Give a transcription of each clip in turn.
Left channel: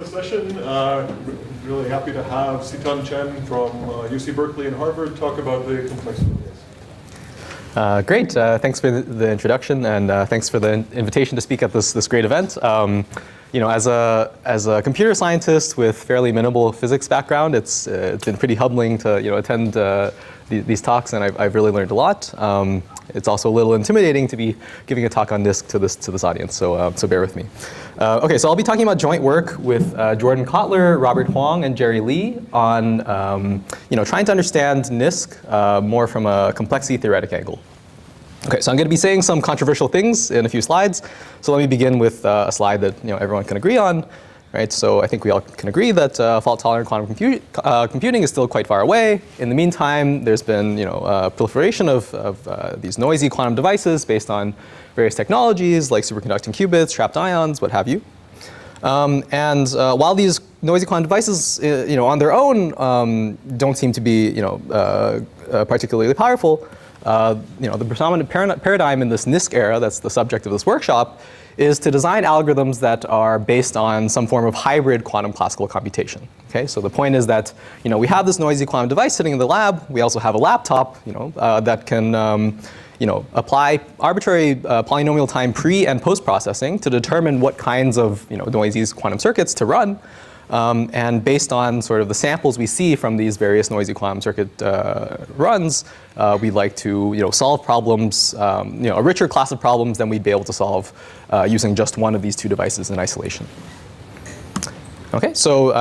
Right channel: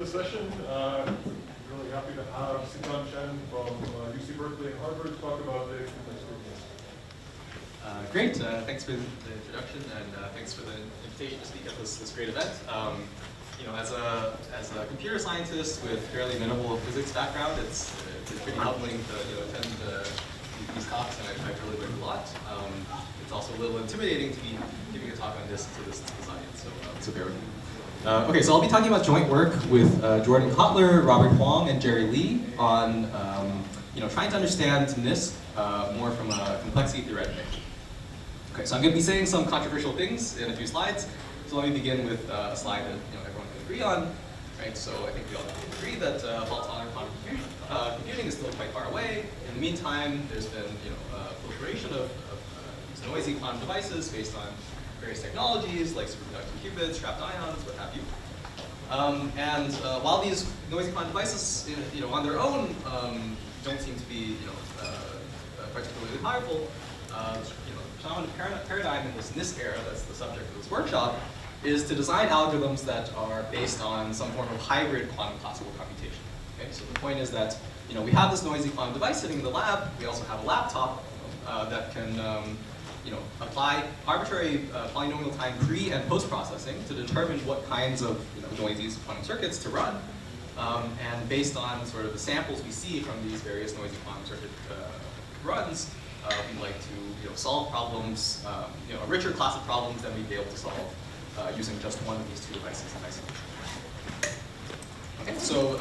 The session. Really happy to have Sitan Chen from UC Berkeley and Harvard talk about the complexity. Great. Thanks for the introduction, and thanks for the invitation to speak at this great event. You know, as a computer scientist with fairly minimal physics background, it's been pretty humbling to attend these talks, and I've really learned a lot. It's also a little intimidating to be giving a talk on NISQ to this audience, so bear with me. Okay, so I'll be talking about joint work with Jordan Kotler, Robert Huang, and Jerry Lee on trying to understand NISQ more from a complexity theoretic angle. Okay, so I'm going to be saying some controversial things in a few slides. So let me begin with a slide that everyone can agree on. Right, so I think we all can agree that fault-tolerant quantum computing is still quite far away. In the meantime, there's been proliferation of these noisy quantum devices based on various technologies like superconducting qubits, trapped ions, what have you. While these noisy quantum devices, on their own, don't seem to be, particularly powerful, the predominant paradigm in this NISQ era, that's the subject of this workshop, is to design algorithms that are based on some form of hybrid quantum classical computation. Okay, so the point is that we have this noisy quantum device sitting in the lab. We also have a laptop, that can apply arbitrary polynomial time pre and post processing to determine what kinds of noisy quantum circuits to run. And based on sort of the samples we see from these various noisy quantum circuit runs, we'd like to solve problems, a richer class of problems than we'd be able to solve using just one of these two devices in isolation. Okay, so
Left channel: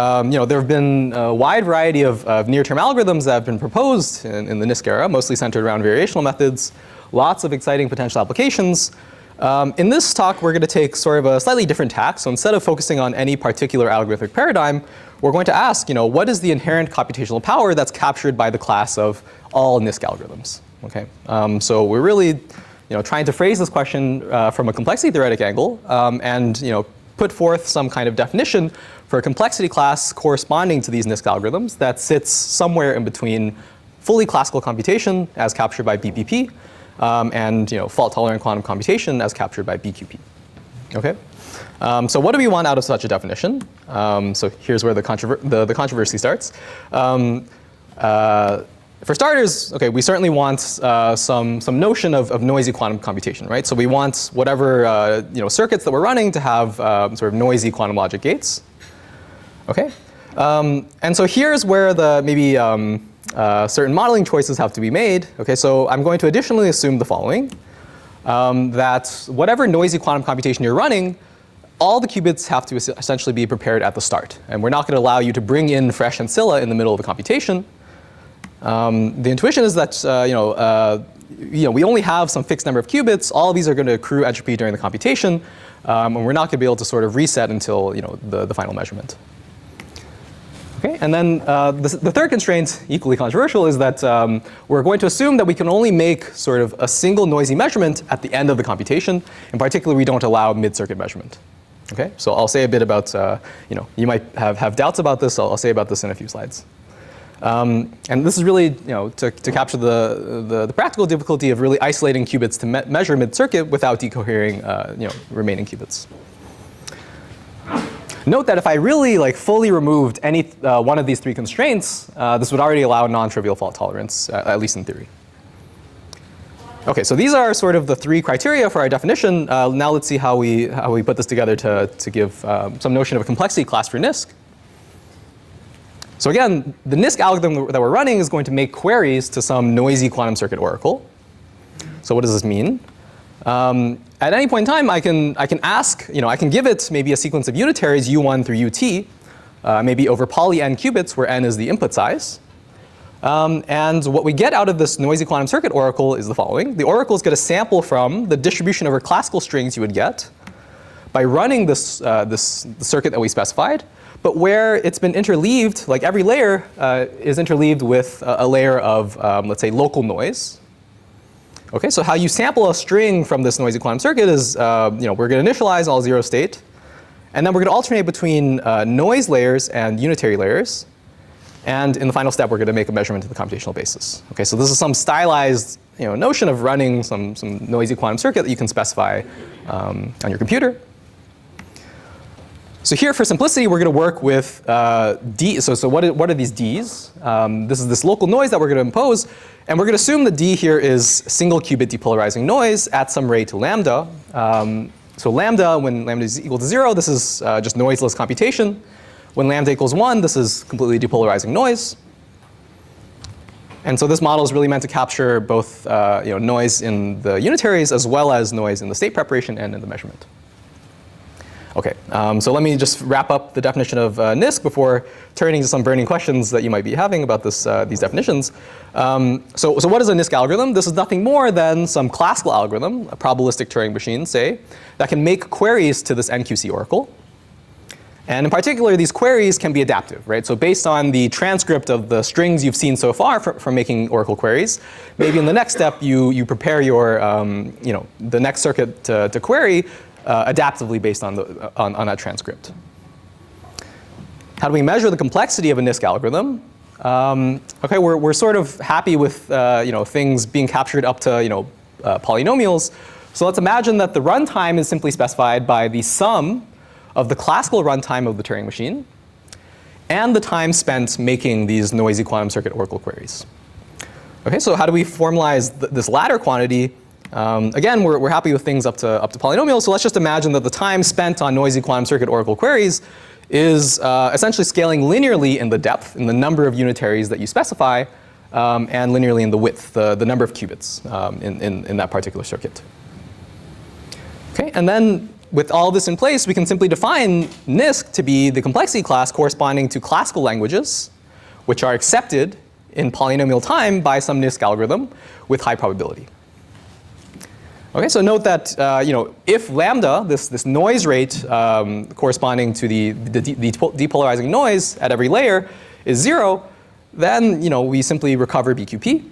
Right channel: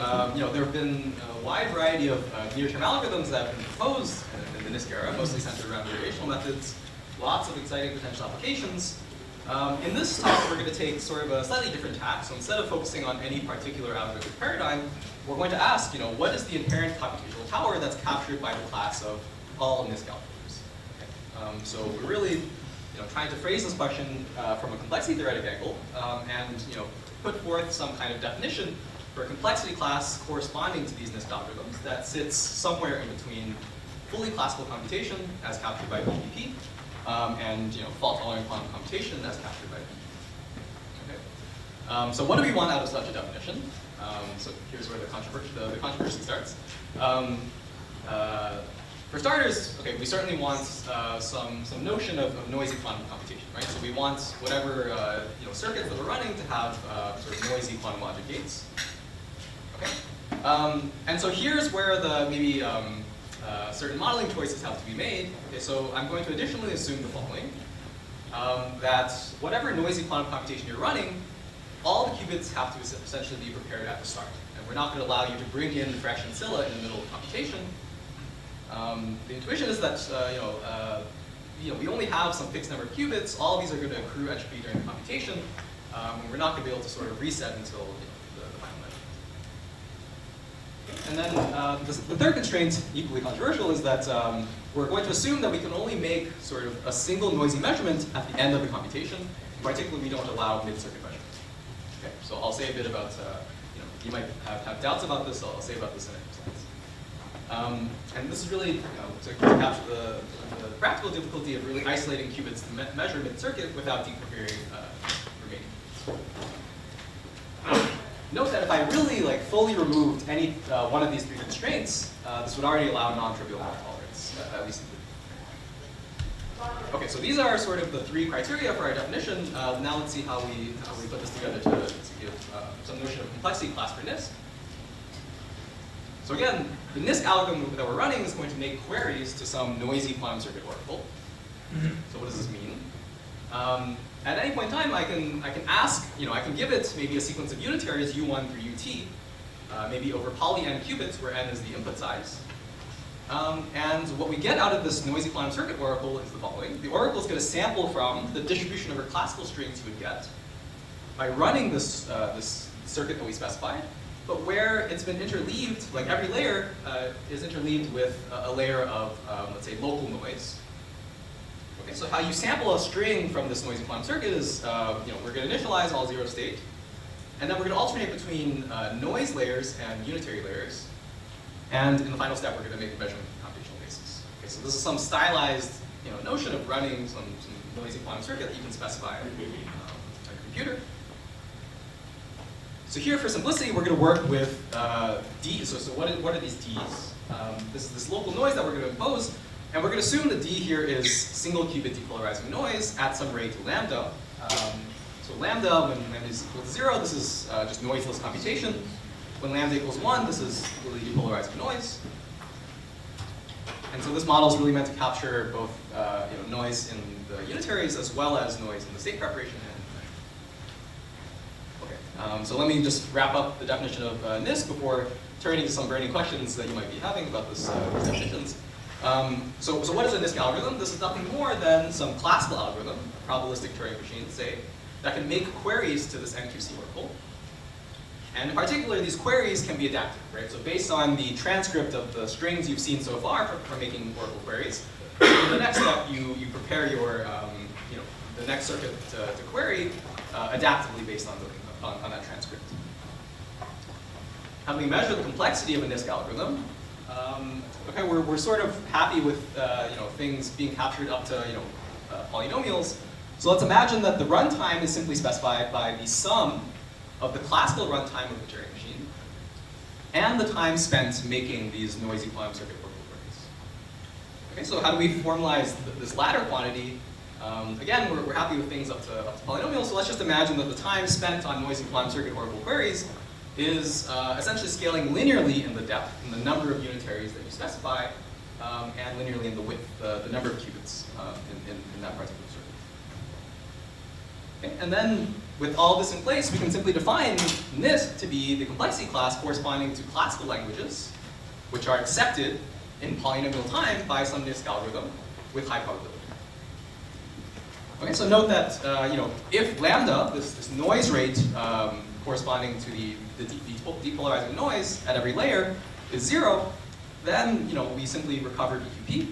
there have been a wide variety of near-term algorithms that have been proposed in the NISQ era, mostly centered around variational methods. Lots of exciting potential applications. In this talk, we're going to take sort of a slightly different tack. So instead of focusing on any particular algorithmic paradigm, we're going to ask, what is the inherent computational power that's captured by the class of all NISQ algorithms? Okay, so we're really trying to phrase this question from a complexity theoretic angle and put forth some kind of definition for a complexity class corresponding to these NISQ algorithms that sits somewhere in between fully classical computation as captured by BPP and fault-tolerant quantum computation as captured by BQP. Okay, so what do we want out of such a definition? So here's where the controversy starts. For starters, okay, we certainly want some notion of noisy quantum computation, right? So we want whatever circuits that we're running to have sort of noisy quantum logic gates. Okay, and so here's where the maybe certain modeling choices have to be made. Okay, so I'm going to additionally assume the following: that whatever noisy quantum computation you're running, all the qubits have to essentially be prepared at the start, and we're not going to allow you to bring in fresh ancilla in the middle of the computation. The intuition is that we only have some fixed number of qubits. All of these are going to accrue entropy during the computation, and we're not going to be able to sort of reset until the final measurement. Okay, and then the third constraint, equally controversial, is that we're going to assume that we can only make sort of a single noisy measurement at the end of the computation. In particular, we don't allow mid-circuit measurement. Okay, so I'll say a bit about you might have doubts about this. I'll say about this in a few slides. And this is really to capture the practical difficulty of really isolating qubits to measure mid-circuit without decohering remaining qubits. Note that if I really fully removed any one of these three constraints, this would already allow non-trivial fault tolerance, at least in theory. Okay, so these are sort of the three criteria for our definition. Now let's see how we put this together to give some notion of a complexity class for NISQ. So again, the NISQ algorithm that we're running is going to make queries to some noisy quantum circuit oracle. So what does this mean? At any point in time, I can ask, I can give it maybe a sequence of unitaries U1 through UT, maybe over poly n qubits where n is the input size. And what we get out of this noisy quantum circuit oracle is the following. The oracle is going to sample from the distribution over classical strings you would get by running this circuit that we specified, but where it's been interleaved, like every layer is interleaved with a layer of, let's say, local noise. Okay, so how you sample a string from this noisy quantum circuit is, we're going to initialize all 0 state, and then we're going to alternate between noise layers and unitary layers. And in the final step, we're going to make a measurement of the computational basis. Okay, so this is some stylized notion of running some noisy quantum circuit that you can specify on your computer. So here, for simplicity, we're going to work with D. So what are these Ds? This is this local noise that we're going to impose. And we're going to assume that D here is single qubit depolarizing noise at some rate lambda. So lambda, when lambda is equal to 0, this is just noiseless computation. When lambda equals 1, this is completely depolarizing noise. And so this model is really meant to capture both noise in the unitaries as well as noise in the state preparation and in the measurement. OK, so let me just wrap up the definition of NISQ before turning to some burning questions that you might be having about these definitions. So what is a NISQ algorithm? This is nothing more than some classical algorithm, a probabilistic Turing machine, say, that can make queries to this NQC oracle. And in particular, these queries can be adaptive, right? So based on the transcript of the strings you've seen so far from making oracle queries, maybe in the next step you prepare your the next circuit to query adaptively based on that transcript. How do we measure the complexity of a NISQ algorithm? OK, we're sort of happy with things being captured up to polynomials. So let's imagine that the runtime is simply specified by the sum of the classical runtime of the Turing machine and the time spent making these noisy quantum circuit oracle queries. OK, so how do we formalize this latter quantity? Again, we're happy with things up to polynomials. So let's just imagine that the time spent on noisy quantum circuit oracle queries is essentially scaling linearly in the depth, in the number of unitaries that you specify, and linearly in the width, the number of qubits in that particular circuit. Okay, and then with all this in place, we can simply define NISQ to be the complexity class corresponding to classical languages, which are accepted in polynomial time by some NISQ algorithm with high probability. Okay, so note that if lambda, this noise rate corresponding to the depolarizing noise at every layer is 0, then we simply recover BQP.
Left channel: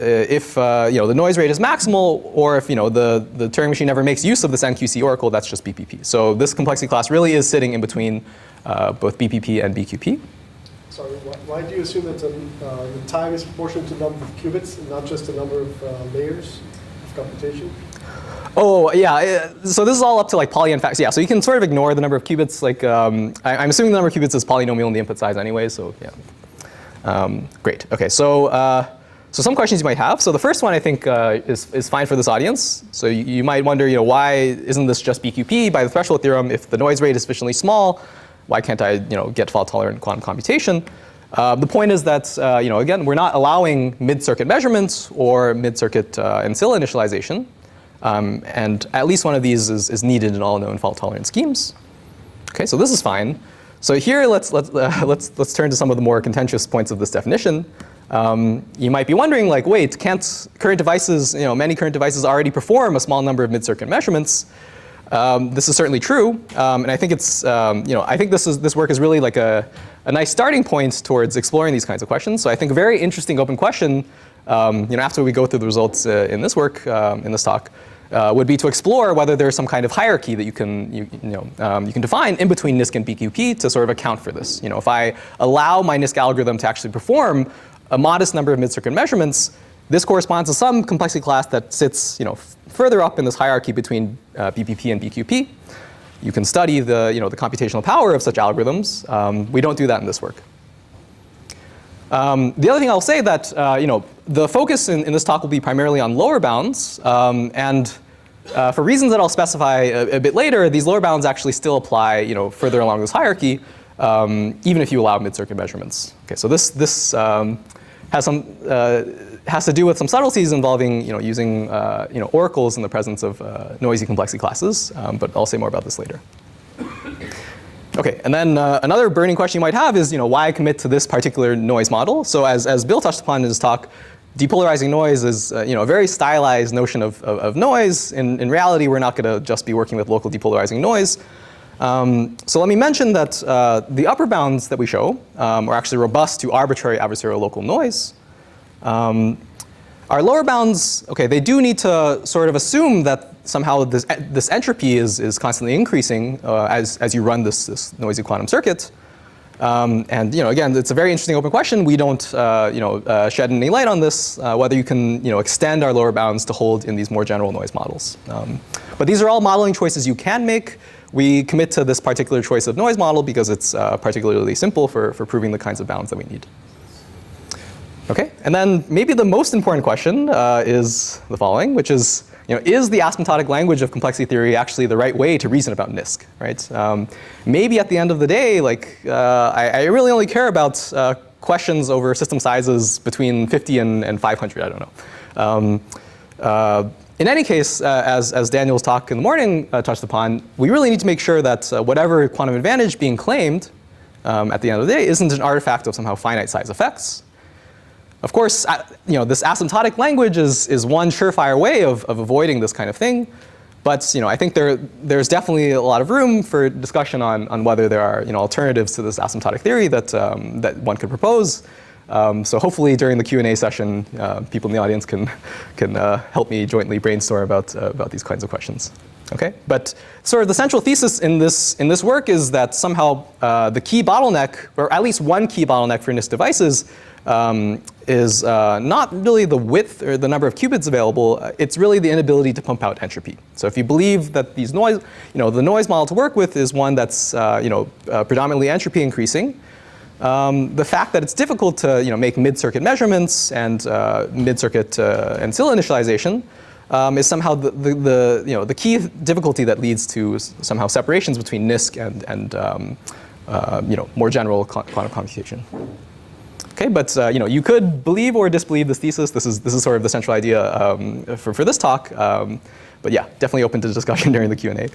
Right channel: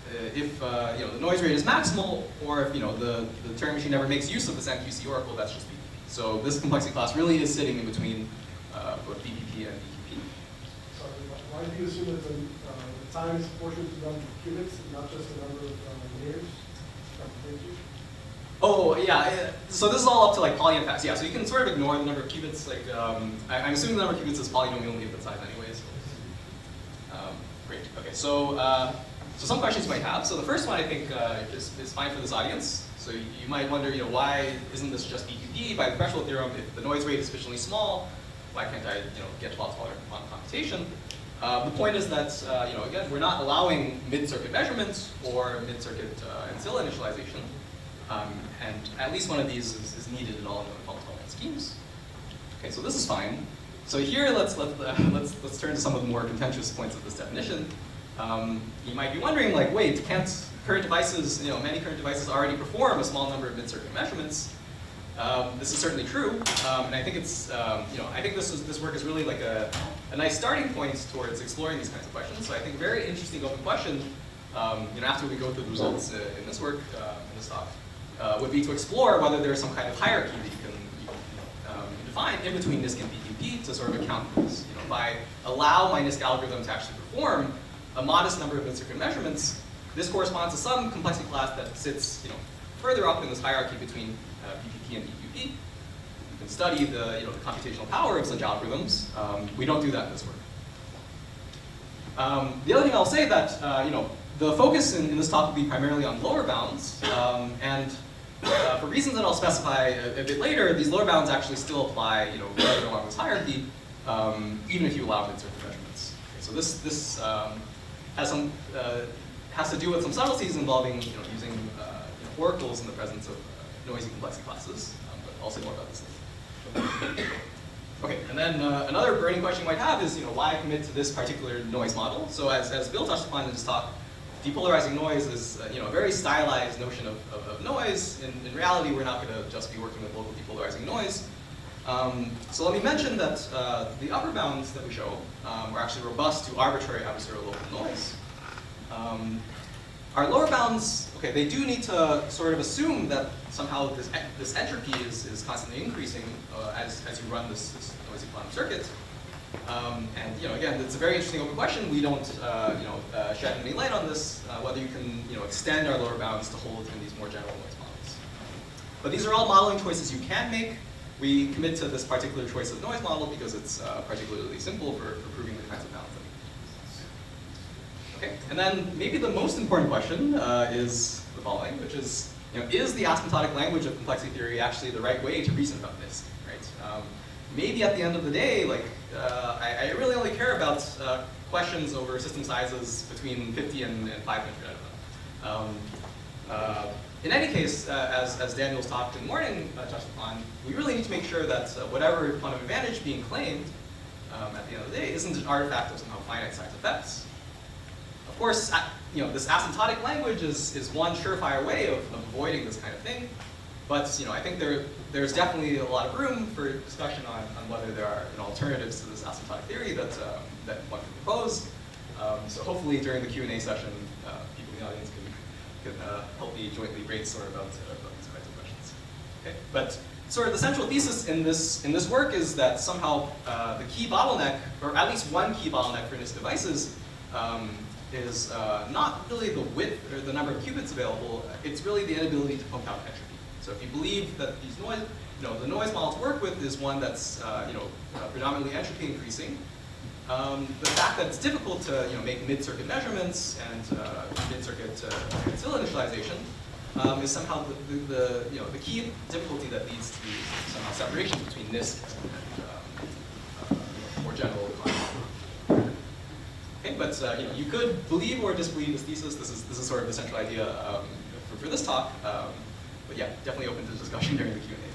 If the noise rate is maximal, or if the Turing machine never makes use of this NQC oracle, that's just BPP. So this complexity class really is sitting in between both BPP and BQP. So why do you assume that the time is proportional to the number of qubits and not just the number of layers of computation? Oh, yeah. So this is all up to poly n factors. Yeah, so you can sort of ignore the number of qubits. I'm assuming the number of qubits is polynomial in the input size anyway, so yeah. Great. OK, so some questions you might have. So the first one I think is fine for this audience. So you might wonder, why isn't this just BQP by the threshold theorem? If the noise rate is sufficiently small, why can't I get fault-tolerant quantum computation? The point is that again, we're not allowing mid-circuit measurements or mid-circuit ancilla initialization. And at least one of these is needed in all known fault-tolerant schemes. OK, so this is fine. So here, let's turn to some of the more contentious points of this definition. You might be wondering, wait, can't current devices, many current devices already perform a small number of mid-circuit measurements? This is certainly true, and I think it's, I think this work is really a nice starting point towards exploring these kinds of questions. So I think a very interesting open question, after we go through the results in this work, in this talk, would be to explore whether there's some kind of hierarchy that you can define in between NISQ and BQP to sort of account for this. If I allow my NISQ algorithm to actually perform a modest number of mid-circuit measurements, this corresponds to some complexity class that sits further up in this hierarchy between BPP and BQP. You can study the computational power of such algorithms. We don't do that in this work. The other thing I'll say that the focus in this talk will be primarily on lower bounds, and for reasons that I'll specify a bit later, these lower bounds actually still apply further along this hierarchy, even if you allow mid-circuit measurements. Okay, so this has to do with some subtleties involving using oracles in the presence of noisy complexity classes, but I'll say more about this later. OK, and then another burning question you might have is why commit to this particular noise model? So as Bill touched upon in his talk, depolarizing noise is a very stylized notion of noise. In reality, we're not going to just be working with local depolarizing noise. So let me mention that the upper bounds that we show are actually robust to arbitrary adversarial local noise. Our lower bounds, OK, they do need to sort of assume that somehow this entropy is constantly increasing as you run this noisy quantum circuit. And again, it's a very interesting open question. We don't shed any light on this, whether you can extend our lower bounds to hold in these more general noise models. But these are all modeling choices you can make. We commit to this particular choice of noise model because it's particularly simple for proving the kinds of bounds that we need. Okay, and then maybe the most important question is the following, which is, is the asymptotic language of complexity theory actually the right way to reason about NISQ, right? Maybe at the end of the day, I really only care about questions over system sizes between 50 and 500, I don't know. In any case, as Daniel's talk in the morning touched upon, we really need to make sure that whatever quantum advantage being claimed at the end of the day isn't an artifact of somehow finite size effects. Of course, this asymptotic language is one surefire way of avoiding this kind of thing. But I think there's definitely a lot of room for discussion on whether there are alternatives to this asymptotic theory that one could propose. So hopefully during the Q&A session, people in the audience can help me jointly brainstorm about these kinds of questions. Okay, but sort of the central thesis in this work is that somehow the key bottleneck, or at least one key bottleneck for NISQ devices, is not really the width or the number of qubits available. It's really the inability to pump out entropy. So if you believe that these noise, the noise model to work with is one that's predominantly entropy increasing, the fact that it's difficult to make mid-circuit measurements and mid-circuit ancilla initialization is somehow the key difficulty that leads to somehow separations between NISQ and more general quantum computation. Okay, but you could believe or disbelieve this thesis. This is sort of the central idea for this talk. But yeah, definitely open to discussion during the Q&A.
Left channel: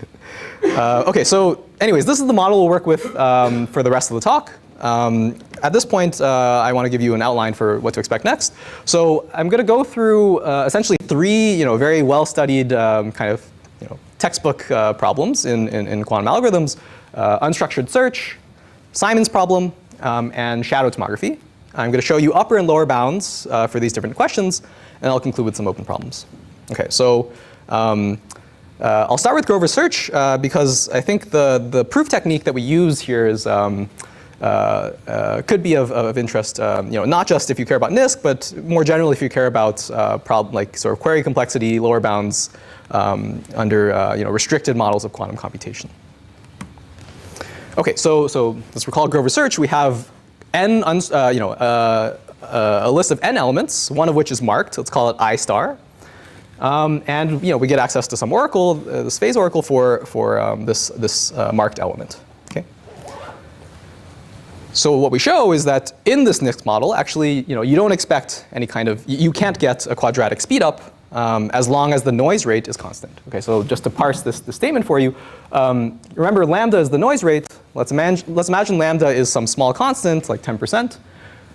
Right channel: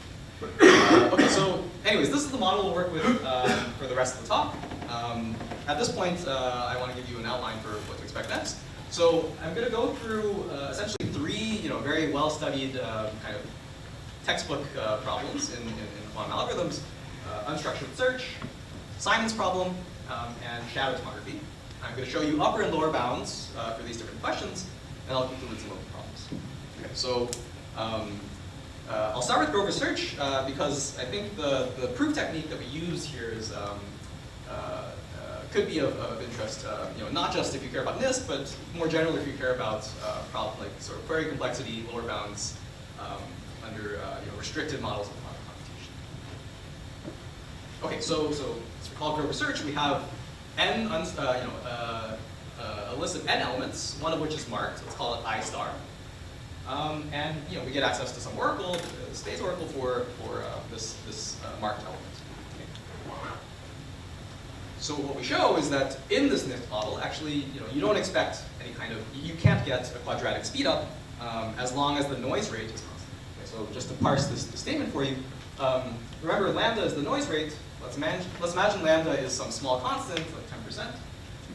Okay, so anyways, this is the model we'll work with for the rest of the talk. At this point, I want to give you an outline for what to expect next. So I'm going to go through essentially three very well-studied kind of textbook problems in quantum algorithms: unstructured search, Simon's problem, and shadow tomography. I'm going to show you upper and lower bounds for these different questions, and I'll conclude with some open problems. Okay, so I'll start with Grover's search because I think the proof technique that we use here is could be of interest. Not just if you care about NISQ, but more generally if you care about sort of query complexity, lower bounds under restricted models of quantum computation. Okay, so let's recall Grover's search. We have a list of n elements, one of which is marked. Let's call it I star. And we get access to some oracle, this phase oracle for this marked element. Okay. So what we show is that in this NISQ model, actually, you don't expect any kind of, you can't get a quadratic speedup as long as the noise rate is constant. Okay, so just to parse this statement for you, remember lambda is the noise rate. Let's imagine lambda is some small constant, like 10%.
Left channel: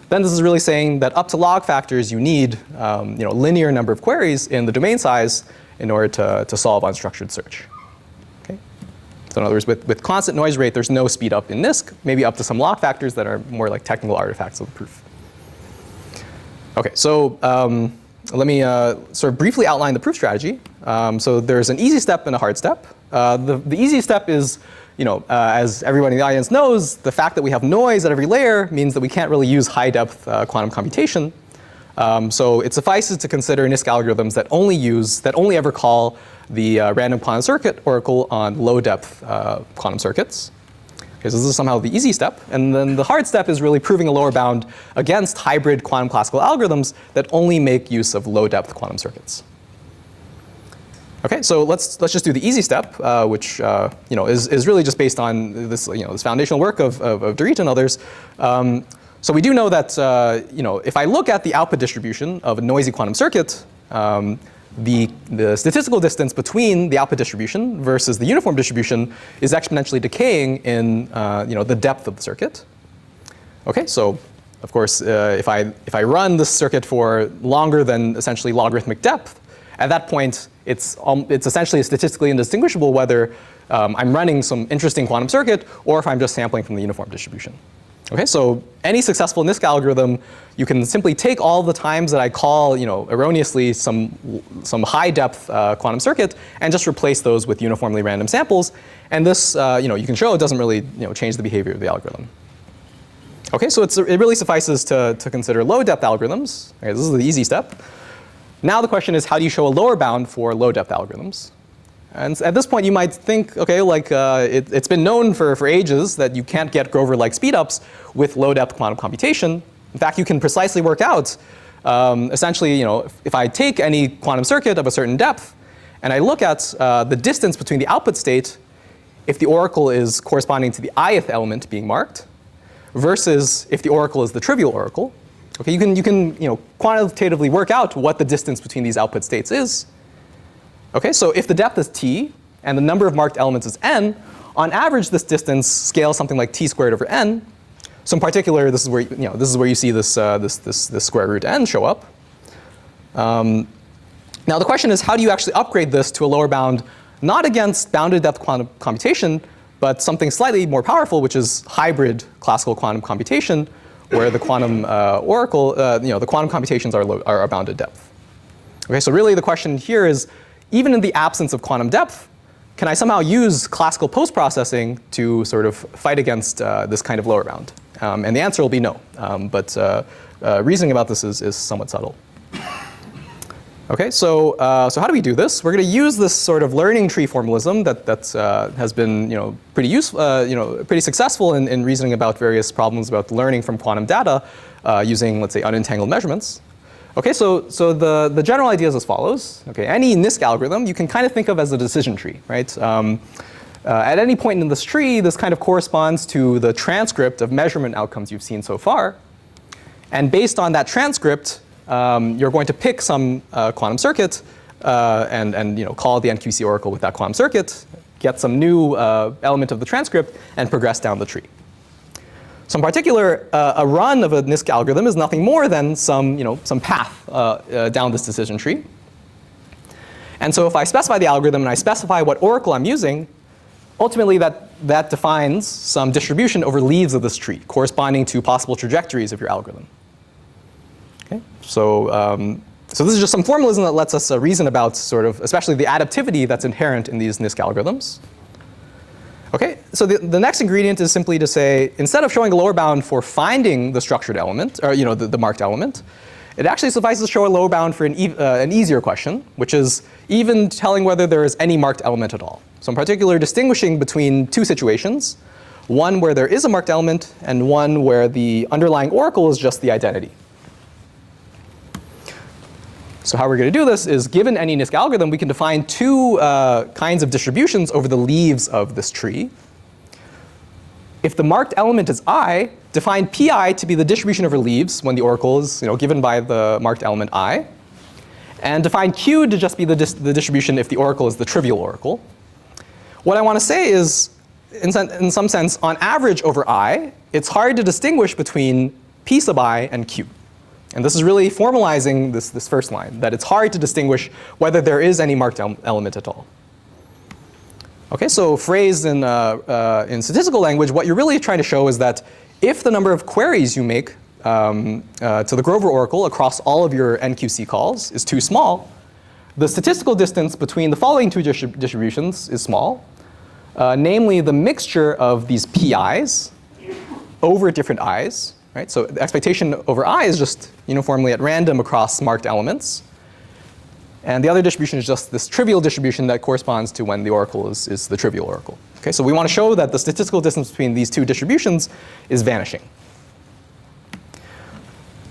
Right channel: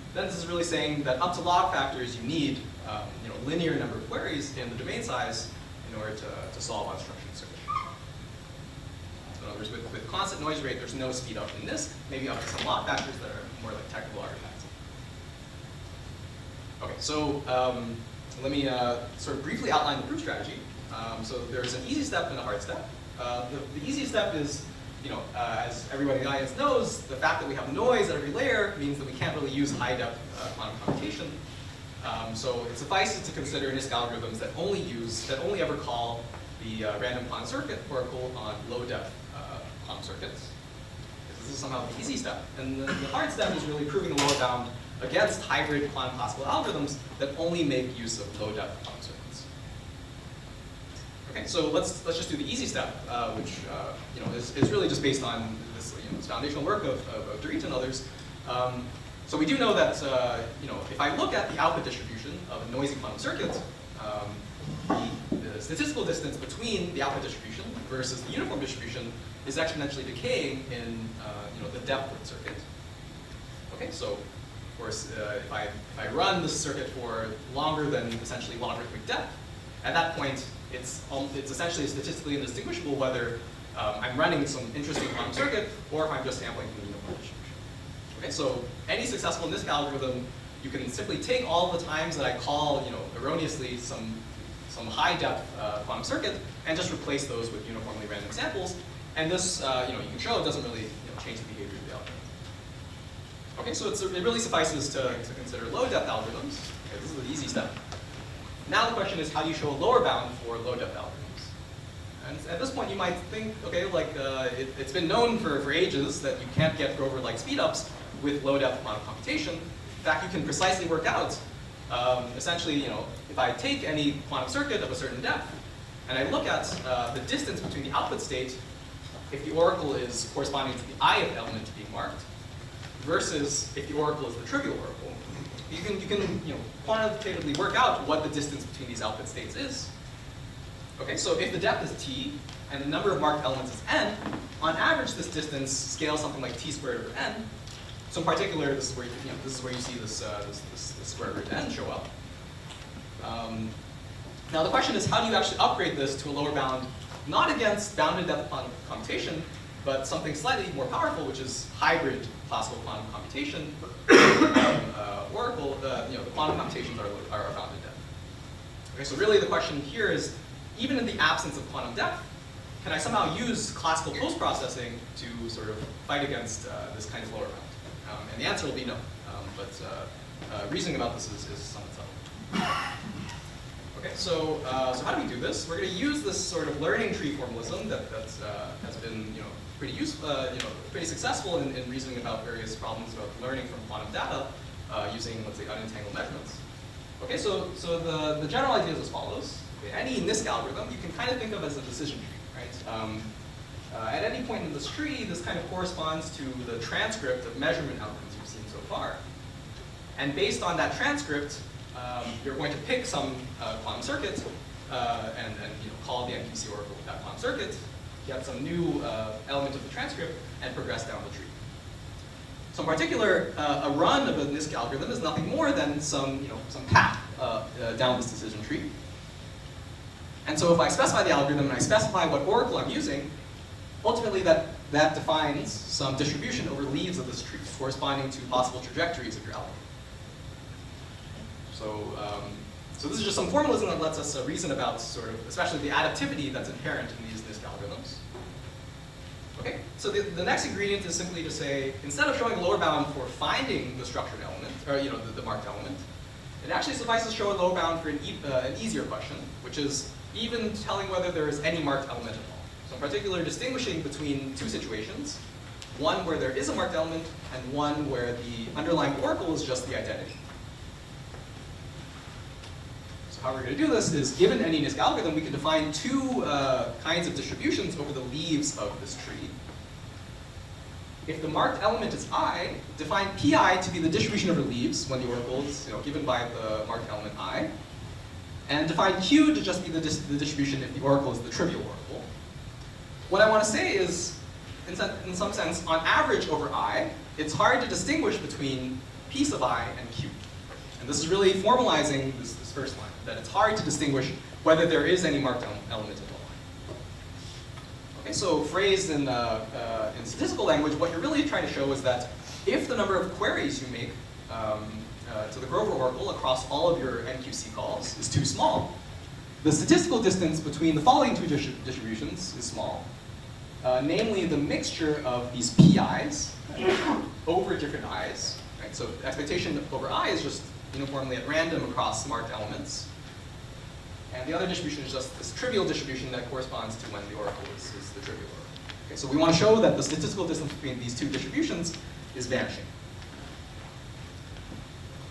Then this is really saying that up to log factors, you need linear number of queries in the domain size in order to solve unstructured search. Okay? So in other words, with constant noise rate, there's no speed up in NISQ, maybe up to some log factors that are more like technical artifacts of the proof. Okay, so let me sort of briefly outline the proof strategy. So there's an easy step and a hard step. The easy step is, as everybody in the audience knows, the fact that we have noise at every layer means that we can't really use high-depth quantum computation. So it suffices to consider NISQ algorithms that only ever call the random quantum circuit oracle on low-depth quantum circuits. Okay, so this is somehow the easy step. And then the hard step is really proving a lower bound against hybrid quantum classical algorithms that only make use of low-depth quantum circuits. Okay, so let's just do the easy step, which is really just based on this this foundational work of Dorit and others. So we do know that if I look at the output distribution of a noisy quantum circuit, the statistical distance between the output distribution versus the uniform distribution is exponentially decaying in the depth of the circuit. Okay, so of course if I run this circuit for longer than essentially logarithmic depth, at that point it's essentially statistically indistinguishable whether I'm running some interesting quantum circuit or if I'm just sampling from the uniform distribution. Okay, so any successful NISQ algorithm, you can simply take all the times that I call erroneously some high depth quantum circuit and just replace those with uniformly random samples. And this you can show it doesn't really change the behavior of the algorithm. Okay, so it really suffices to consider low-depth algorithms. Okay, this is the easy step. Now the question is, how do you show a lower bound for low-depth algorithms? And at this point, you might think, okay, like it's been known for ages that you can't get Grover-like speedups with low-depth quantum computation. In fact, you can precisely work out, essentially, if I take any quantum circuit of a certain depth, and I look at the distance between the output state, if the oracle is corresponding to the ith element being marked, versus if the oracle is the trivial oracle. Okay, you can quantitatively work out what the distance between these output states is. Okay, so if the depth is t and the number of marked elements is n, on average this distance scales something like t squared over n. So in particular, this is where you see this square root n show up. Now the question is, how do you actually upgrade this to a lower bound, not against bounded depth quantum computation, but something slightly more powerful, which is hybrid classical quantum computation, where the quantum oracle, the quantum computations are bounded depth. Okay, so really the question here is, even in the absence of quantum depth, can I somehow use classical post-processing to sort of fight against this kind of lower bound? And the answer will be no. But reasoning about this is somewhat subtle. Okay, so how do we do this? We're going to use this sort of learning tree formalism that has been pretty useful, pretty successful in reasoning about various problems about learning from quantum data using, let's say, unentangled measurements. Okay, so the general idea is as follows. Okay, any NISQ algorithm you can kind of think of as a decision tree, right? At any point in this tree, this kind of corresponds to the transcript of measurement outcomes you've seen so far. And based on that transcript, you're going to pick some quantum circuit and call the NQC oracle with that quantum circuit, get some new element of the transcript, and progress down the tree. So in particular, a run of a NISQ algorithm is nothing more than some path down this decision tree. And so if I specify the algorithm and I specify what oracle I'm using, ultimately that defines some distribution over leaves of this tree, corresponding to possible trajectories of your algorithm. Okay? So this is just some formalism that lets us reason about sort of, especially the adaptivity that's inherent in these NISQ algorithms. Okay, so the next ingredient is simply to say, instead of showing a lower bound for finding the structured element, or the marked element, it actually suffices to show a lower bound for an easier question, which is even telling whether there is any marked element at all. So in particular, distinguishing between two situations, one where there is a marked element and one where the underlying oracle is just the identity. So how we're going to do this is, given any NISQ algorithm, we can define two kinds of distributions over the leaves of this tree. If the marked element is I, define pi to be the distribution over leaves when the oracle is given by the marked element I. And define q to just be the distribution if the oracle is the trivial oracle. What I want to say is, in some sense, on average over I, it's hard to distinguish between p sub I and q. And this is really formalizing this first line, that it's hard to distinguish whether there is any marked element at all. Okay, so phrased in statistical language, what you're really trying to show is that if the number of queries you make to the Grover oracle across all of your NQC calls is too small, the statistical distance between the following two distributions is small, namely the mixture of these pi's over different i's. Right? So the expectation over I is just uniformly at random across marked elements. And the other distribution is just this trivial distribution that corresponds to when the oracle is the trivial oracle. Okay, so we want to show that the statistical distance between these two distributions is vanishing.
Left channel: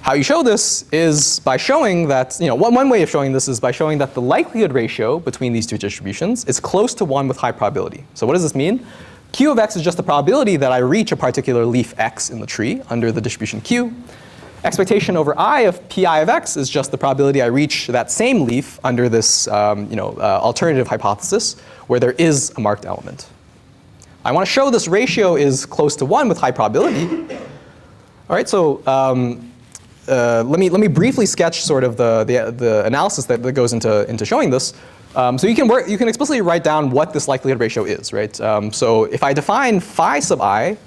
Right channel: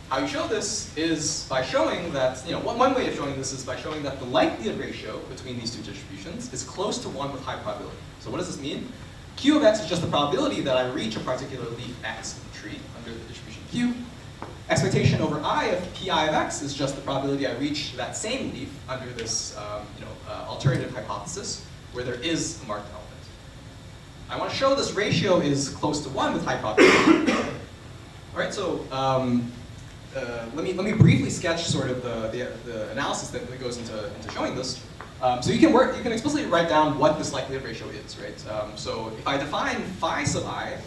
How you show this is by showing that, one way of showing this is by showing that the likelihood ratio between these two distributions is close to 1 with high probability. So what does this mean? Q of x is just the probability that I reach a particular leaf x in the tree under the distribution q. Expectation over I of pi of x is just the probability I reach that same leaf under this alternative hypothesis where there is a marked element. I want to show this ratio is close to 1 with high probability. All right, so let me briefly sketch sort of the analysis that goes into showing this. So you can explicitly write down what this likelihood ratio is, right? So if I define phi sub I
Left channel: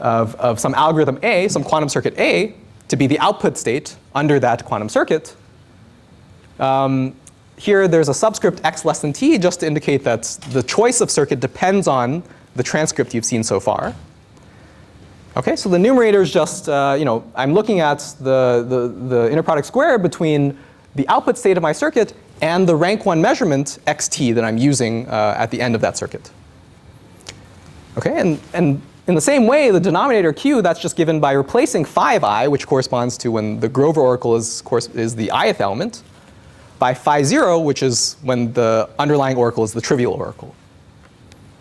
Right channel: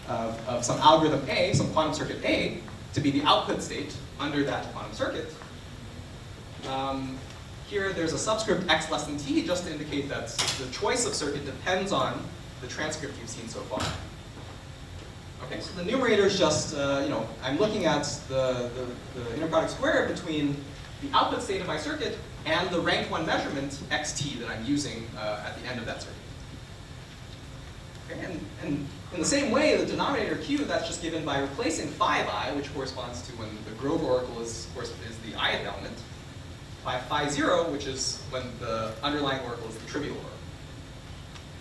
of some algorithm A, some quantum circuit A, to be the output state under that quantum circuit, here there's a subscript x less than t just to indicate that the choice of circuit depends on the transcript you've seen so far. Okay, so the numerator is just, I'm looking at the inner product square between the output state of my circuit and the rank 1 measurement, xt, that I'm using at the end of that circuit. Okay, and in the same way, the denominator q, that's just given by replacing 5i, which corresponds to when the Grover oracle is the ith element, by phi0, which is when the underlying oracle is the trivial oracle.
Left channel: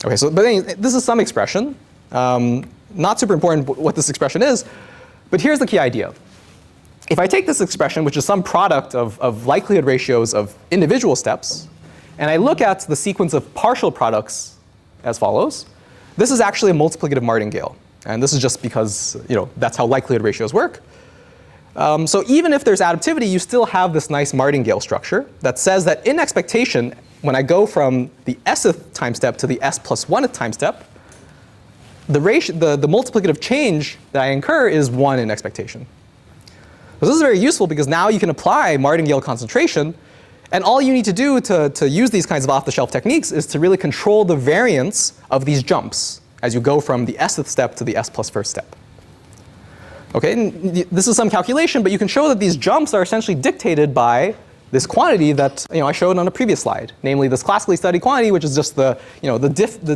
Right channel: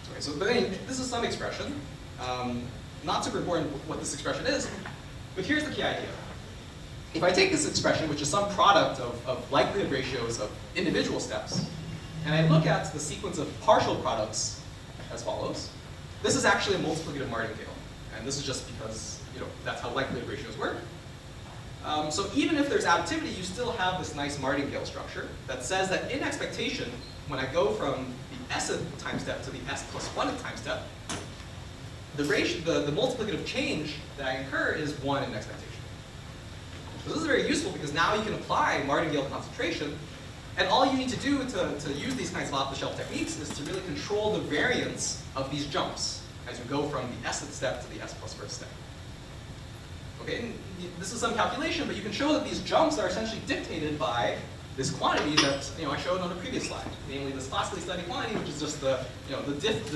Okay, so but this is some expression. Not super important what this expression is, but here's the key idea. If I take this expression, which is some product of likelihood ratios of individual steps, and I look at the sequence of partial products as follows, this is actually a multiplicative martingale. And this is just because that's how likelihood ratios work. So even if there's additivity, you still have this nice martingale structure that says that in expectation, when I go from the sth time step to the s plus 1th time step, the multiplicative change that I incur is 1 in expectation. So this is very useful because now you can apply martingale concentration. And all you need to do to use these kinds of off-the-shelf techniques is to really control the variance of these jumps as you go from the sth step to the s plus 1st step. Okay, and this is some calculation, but you can show that these jumps are essentially dictated by this quantity that I showed on a previous slide, namely this classically studied quantity, which is just the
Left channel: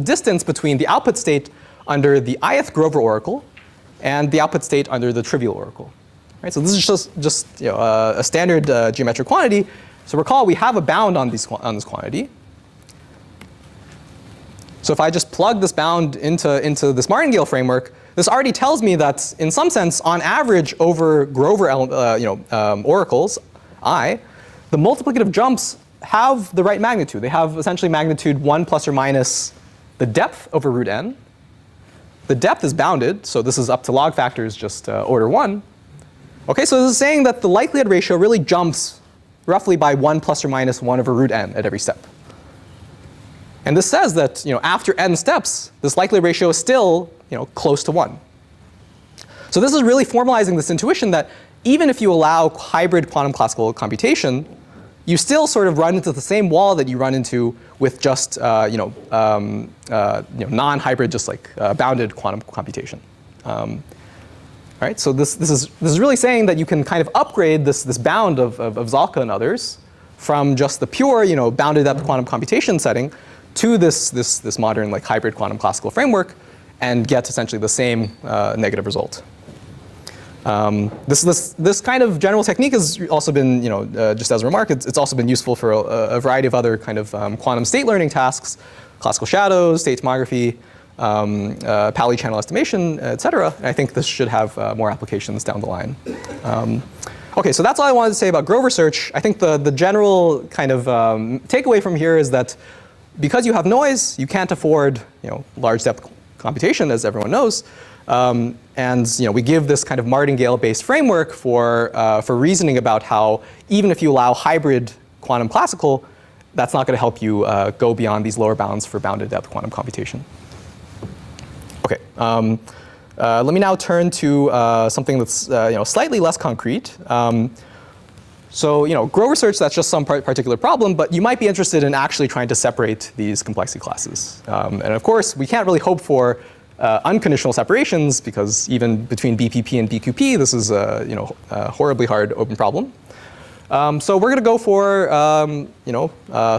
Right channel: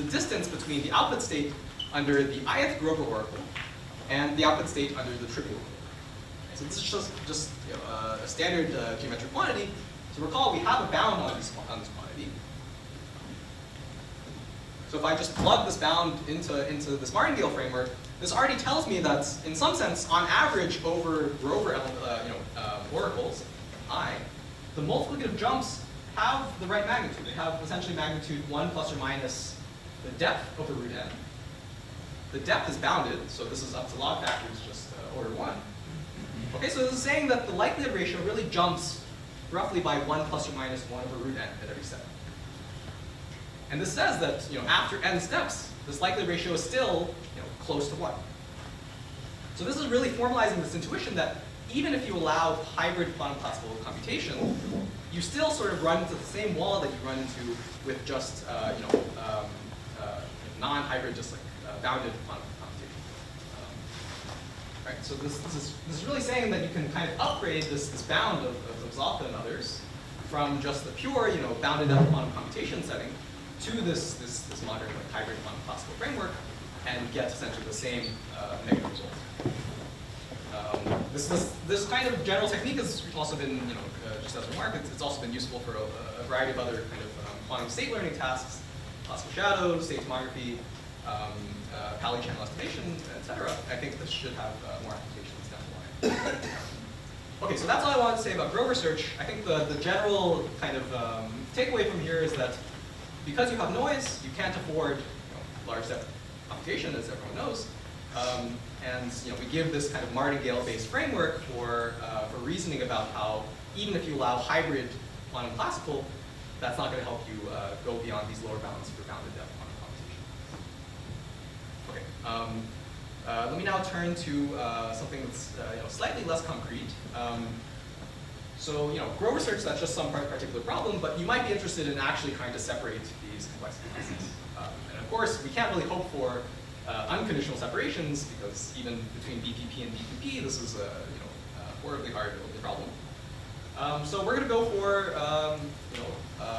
distance between the output state under the ith Grover oracle and the output state under the trivial oracle. Right, so this is just a standard geometric quantity. So recall we have a bound on this quantity. So if I just plug this bound into this martingale framework, this already tells me that in some sense, on average over Grover oracles, I, the multiplicative jumps have the right magnitude. They have essentially magnitude 1 plus or minus the depth over root n. The depth is bounded, so this is up to log factors just order 1. Okay, so this is saying that the likelihood ratio really jumps roughly by 1 plus or minus 1 over root n at every step. And this says that after n steps, this likelihood ratio is still close to 1. So this is really formalizing this intuition that even if you allow hybrid quantum classical computation, you still sort of run into the same wall that you run into with just non-hybrid, just like bounded quantum computation. Right? So this is really saying that you can kind of upgrade this bound of Ząlka and others from just the pure bounded depth quantum computation setting to this modern hybrid quantum classical framework and get essentially the same negative result. This kind of general technique has also been, just as a remark, it's also been useful for a variety of other kind of quantum state learning tasks, classical shadows, state tomography, Pauli channel estimation, et cetera. And I think this should have more applications down the line. OK, so that's all I wanted to say about Grover search. I think the general kind of takeaway from here is that because you have noise, you can't afford large depth computation, as everyone knows. And we give this kind of martingale-based framework for reasoning about how even if you allow hybrid quantum classical, that's not going to help you go beyond these lower bounds for bounded depth quantum computation. OK, let me now turn to something that's slightly less concrete. So Grover search, that's just some particular problem, but you might be interested in actually trying to separate these complexity classes. And of course, we can't really hope for unconditional separations because even between BPP and BQP, this is a horribly hard open problem. So we're going to go for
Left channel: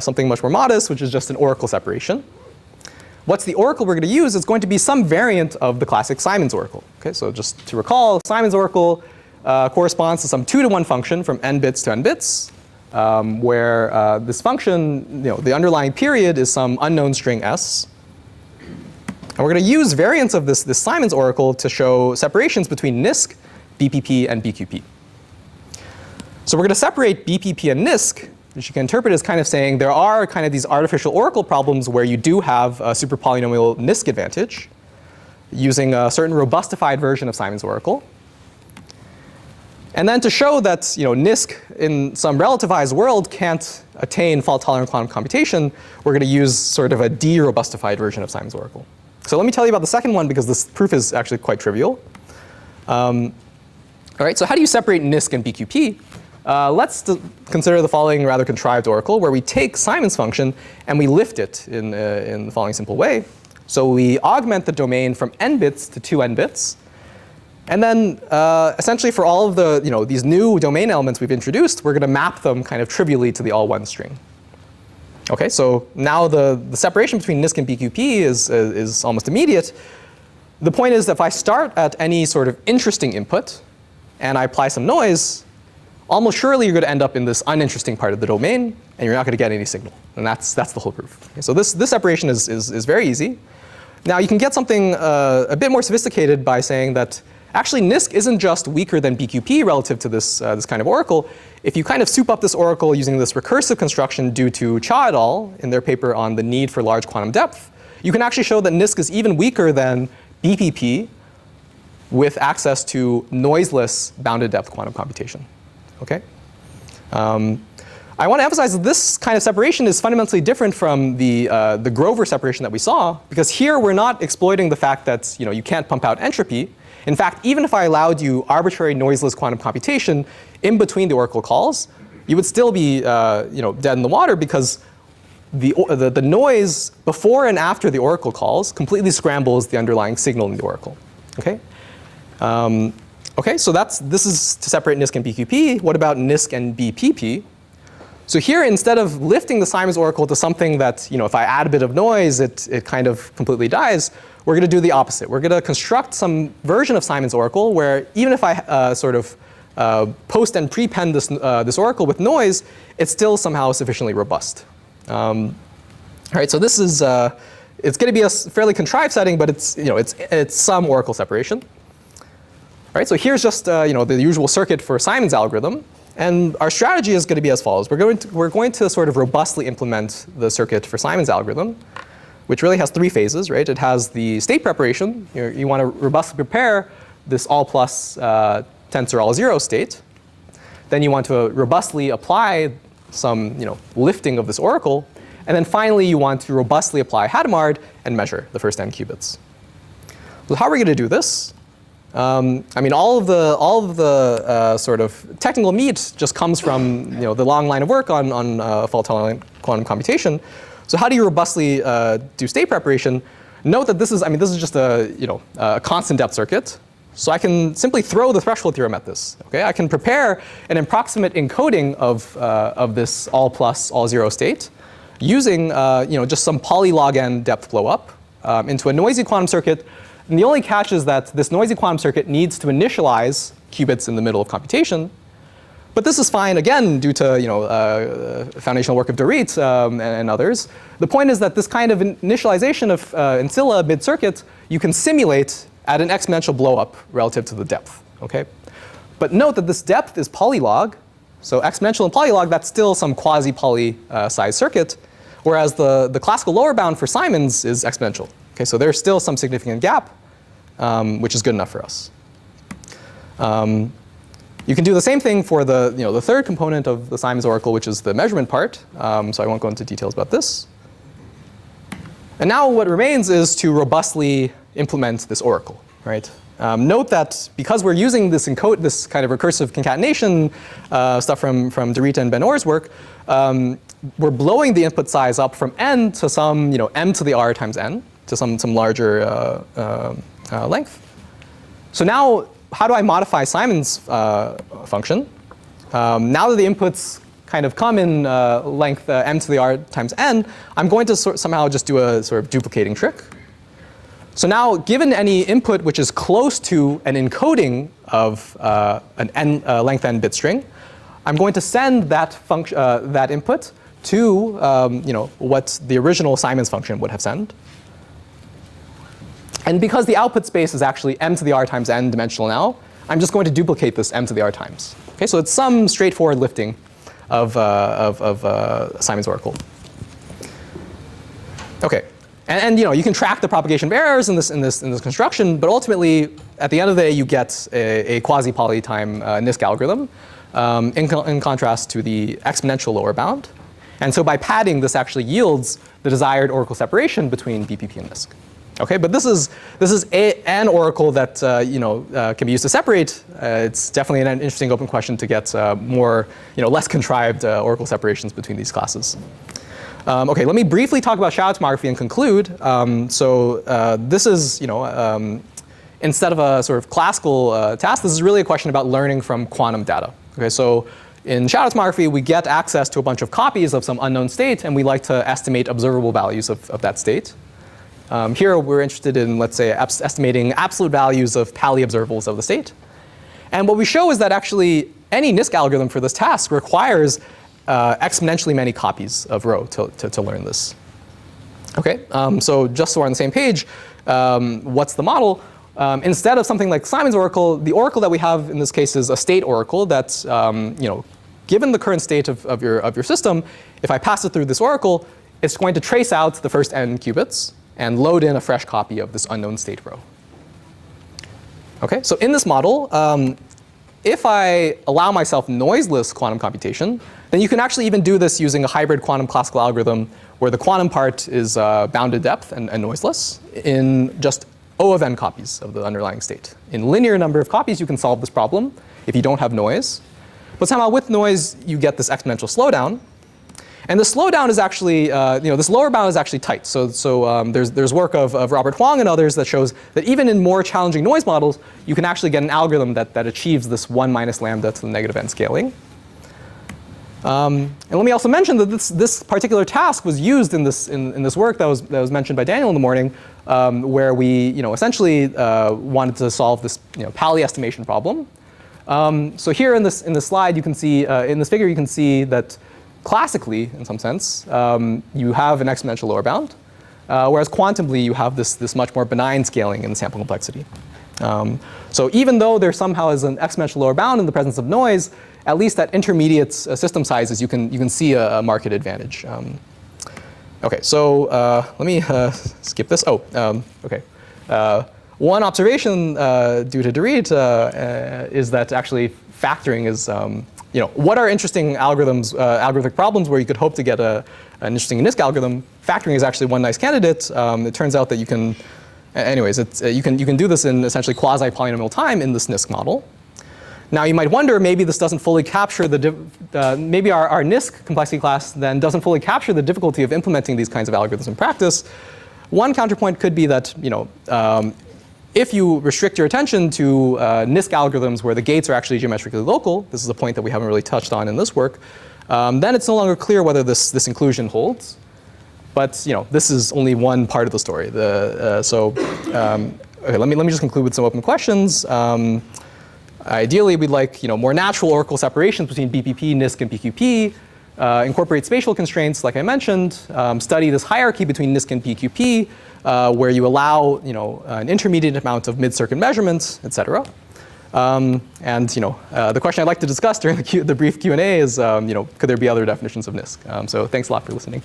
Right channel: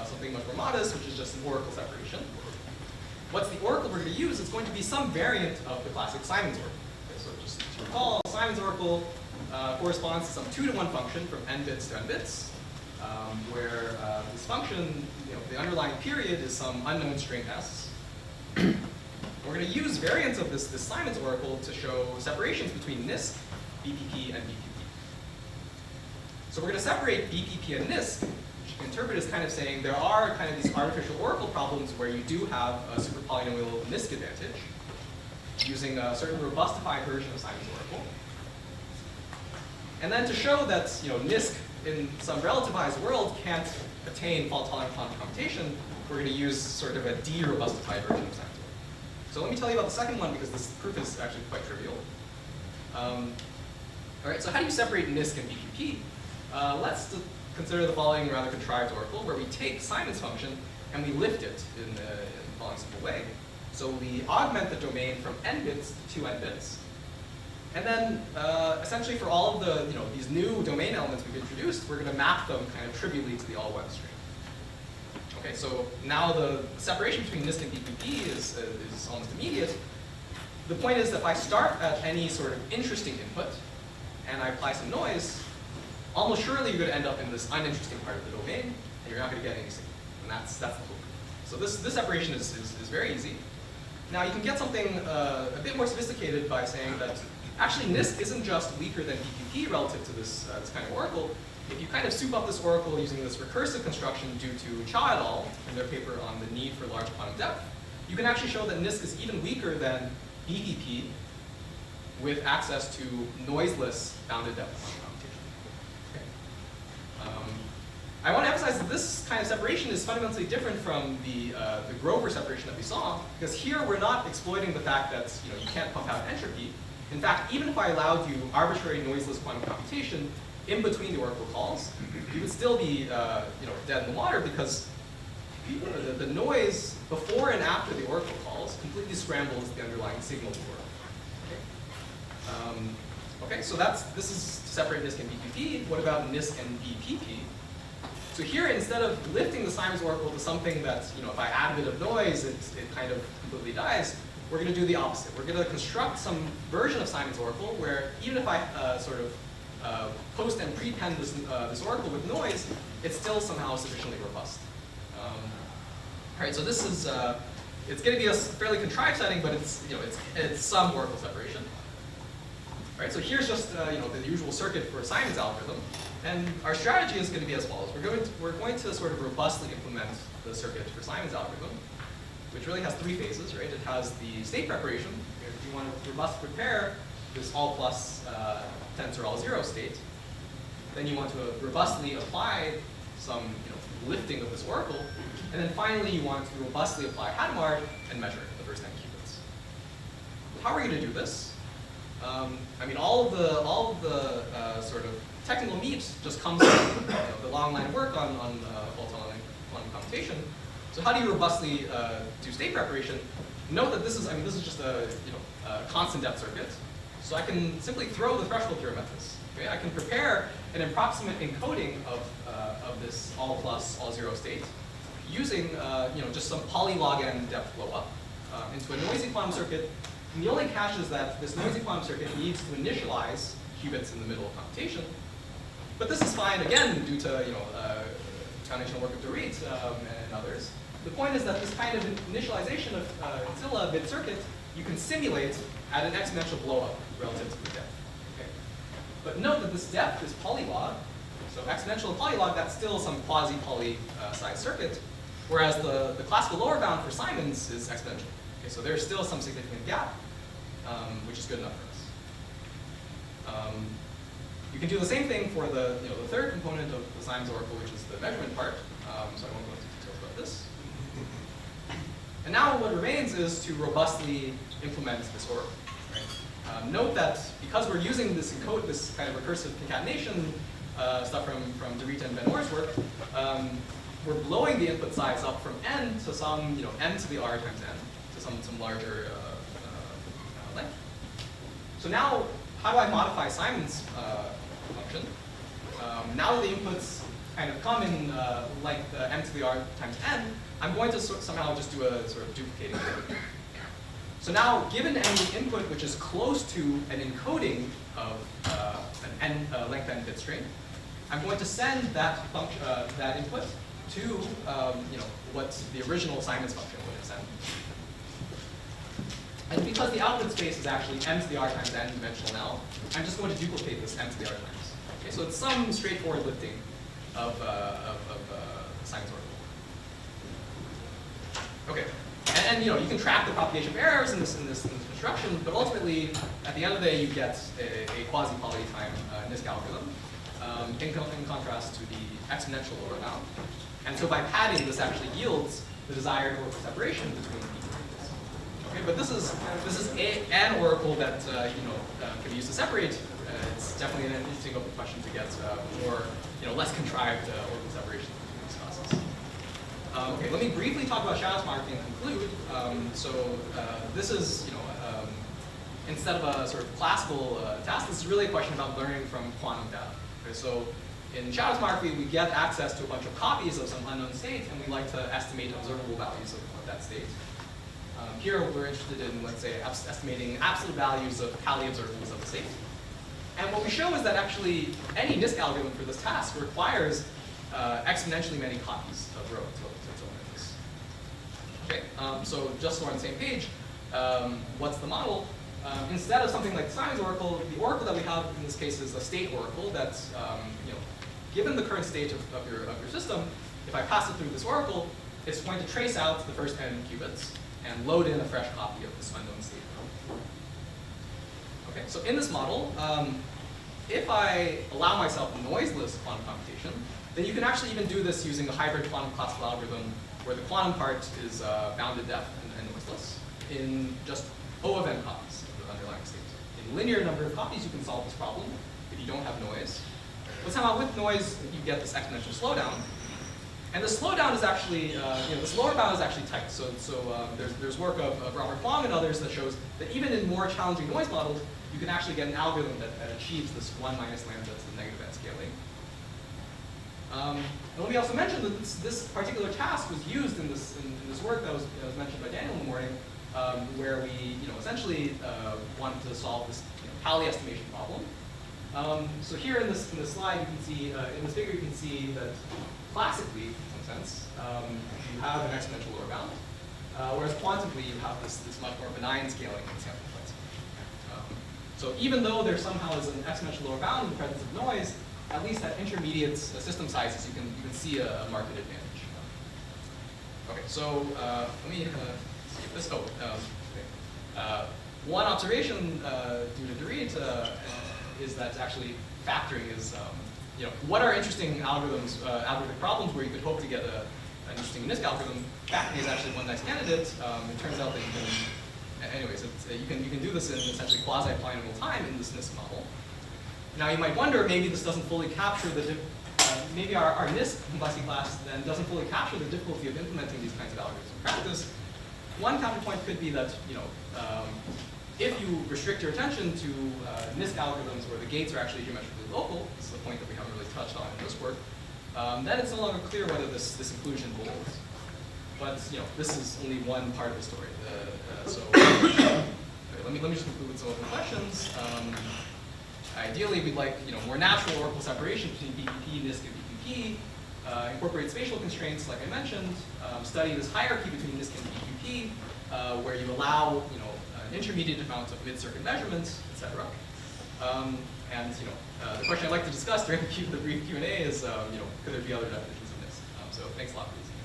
something much more modest, which is just an oracle separation. What's the oracle we're going to use? It's going to be some variant of the classic Simon's oracle. Okay, so just to recall, Simon's oracle corresponds to some 2-to-1 function from n bits to n bits, where this function, the underlying period is some unknown string s. And we're going to use variants of this Simon's oracle to show separations between NISQ, BPP, and BQP. So we're going to separate BPP and NISQ, which you can interpret as kind of saying there are kind of these artificial oracle problems where you do have a super-polynomial NISQ advantage using a certain robustified version of Simon's oracle. And then to show that NISQ in some relativized world can't attain fault-tolerant quantum computation, we're going to use sort of a de-robustified version of Simon's oracle. So let me tell you about the second one because this proof is actually quite trivial. All right, so how do you separate NISQ and BQP? Let's consider the following rather contrived oracle where we take Simon's function and we lift it in the following simple way. So we augment the domain from n bits to 2n bits. And then essentially for all of the, these new domain elements we've introduced, we're going to map them kind of trivially to the all one string. Okay, so now the separation between NISQ and BQP is almost immediate. The point is that if I start at any sort of interesting input and I apply some noise, almost surely you're going to end up in this uninteresting part of the domain, and you're not going to get any signal. And that's the whole proof. Okay, so this separation is very easy. Now you can get something a bit more sophisticated by saying that actually NISQ isn't just weaker than BQP relative to this kind of oracle. If you kind of soup up this oracle using this recursive construction due to Cha et al. In their paper on the need for large quantum depth, you can actually show that NISQ is even weaker than BPP with access to noiseless bounded depth quantum computation. Okay? I want to emphasize that this kind of separation is fundamentally different from the Grover separation that we saw, because here we're not exploiting the fact that you can't pump out entropy. In fact, even if I allowed you arbitrary noiseless quantum computation in between the oracle calls, you would still be dead in the water, because the noise before and after the oracle calls completely scrambles the underlying signal in the oracle. Okay? Okay, so this is to separate NISQ and BQP. What about NISQ and BPP? So here, instead of lifting the Simon's oracle to something that, if I add a bit of noise, it kind of completely dies, we're going to do the opposite. We're going to construct some version of Simon's oracle where even if I sort of post and prepend this oracle with noise, it's still somehow sufficiently robust. All right, so this is it's going to be a fairly contrived setting, but it's some oracle separation. All right, so here's just the usual circuit for Simon's algorithm, and our strategy is going to be as follows. We're going to sort of robustly implement the circuit for Simon's algorithm, which really has three phases, right? It has the state preparation. You want to robustly prepare this all plus tensor all zero state. Then you want to robustly apply some lifting of this oracle, and then finally you want to robustly apply Hadamard and measure the first n qubits. So how are we going to do this? I mean, all of the sort of technical meat just comes from the long line of work on fault-tolerant quantum computation. So how do you robustly do state preparation? Note that this is just a constant depth circuit. So I can simply throw the threshold theorem at this. Okay, I can prepare an approximate encoding of this all plus all zero state using just some polylog n depth blow up into a noisy quantum circuit. And the only catch is that this noisy quantum circuit needs to initialize qubits in the middle of computation. But this is fine, again, due to foundational work of Dorit and others. The point is that this kind of initialization of ancilla mid-circuit you can simulate at an exponential blow-up relative to the depth. Okay? But note that this depth is polylog. So exponential and polylog, that's still some quasi-poly size circuit, whereas the classical lower bound for Simon's is exponential. Okay, so there's still some significant gap, which is good enough for us. You can do the same thing for the third component of the Simon's oracle, which is the measurement part. So I won't go into details about this. And now what remains is to robustly implement this oracle, right? Note that because we're using this kind of recursive concatenation stuff from Dorit and Ben Orr's work, we're blowing the input size up from n to some m to the r times n, to some larger length. So now, how do I modify Simon's function? Now that the inputs kind of come in length m to the r times n, I'm going to somehow just do a sort of duplicating trick. So now, given any input which is close to an encoding of an n length n bit string, I'm going to send that input to what the original Simon's function would have sent. And because the output space is actually m to the r times n dimensional now, I'm just going to duplicate this m to the r times. Okay, so it's some straightforward lifting of Simon's oracle. Okay, and you can track the propagation of errors in this construction, but ultimately, at the end of the day, you get a quasi-poly time NISQ algorithm in contrast to the exponential lower bound. And so by padding, this actually yields the desired oracle separation between BPP and NISQ. Okay, but this is an oracle that can be used to separate. It's definitely an interesting open question to get more less contrived oracle separations between these classes. Okay, let me briefly talk about shadow tomography and conclude. This is instead of a sort of classical task, this is really a question about learning from quantum data. Okay, so in shadow tomography, we get access to a bunch of copies of some unknown state, and we like to estimate observable values of that state. Here, we're interested in, let's say, estimating absolute values of Pauli observables of the state. And what we show is that actually any NISQ algorithm for this task requires exponentially many copies of rho to learn this. Okay, so just so we're on the same page, what's the model? Instead of something like Simon's oracle, the oracle that we have in this case is a state oracle that's, given the current state of your system, if I pass it through this oracle, it's going to trace out the first n qubits and load in a fresh copy of this unknown state rho. Okay, so in this model, if I allow myself noiseless quantum computation, then you can actually even do this using a hybrid quantum classical algorithm where the quantum part is bounded depth and noiseless in just O of n copies of the underlying state. In linear number of copies, you can solve this problem if you don't have noise. But somehow with noise, you get this exponential slowdown. And the slowdown is actually, this lower bound is actually tight. So there's work of Robert Huang and others that shows that even in more challenging noise models, you can actually get an algorithm that achieves this 1 minus lambda to the negative n scaling. And let me also mention that this particular task was used in this work that was mentioned by Daniel in the morning, where we essentially wanted to solve this Pauli estimation problem. So here in this slide, you can see in this figure you can see that classically, in some sense, you have an exponential lower bound, whereas quantumly you have this much more benign scaling in sample complexity. So even though there somehow is an exponential lower bound in the presence of noise, at least at intermediate system sizes, you can see a marked advantage. Okay, so let me skip this. Okay. One observation due to Dorit is that actually factoring is, what are interesting algorithms, algorithmic problems where you could hope to get an interesting NISQ algorithm? Factoring is actually one nice candidate. It turns out that you can, anyways, you can do this in essentially quasi-polynomial time in this NISQ model. Now you might wonder, maybe this doesn't fully capture maybe our NISQ complexity class then doesn't fully capture the difficulty of implementing these kinds of algorithms in practice. One counterpoint could be that, if you restrict your attention to NISQ algorithms where the gates are actually geometrically local, this is a point that we haven't really touched on in this work, then it's no longer clear whether this inclusion holds. But this is only one part of the story. Okay, let me just conclude with some open questions. Ideally, we'd like more natural oracle separations between BPP, NISQ, and PQP. Incorporate spatial constraints, like I mentioned. Study this hierarchy between NISQ and PQP, where you allow an intermediate amount of mid-circuit measurements, et cetera. The question I'd like to discuss during the brief Q&A is, could there be other definitions of NISQ? So thanks a lot for listening.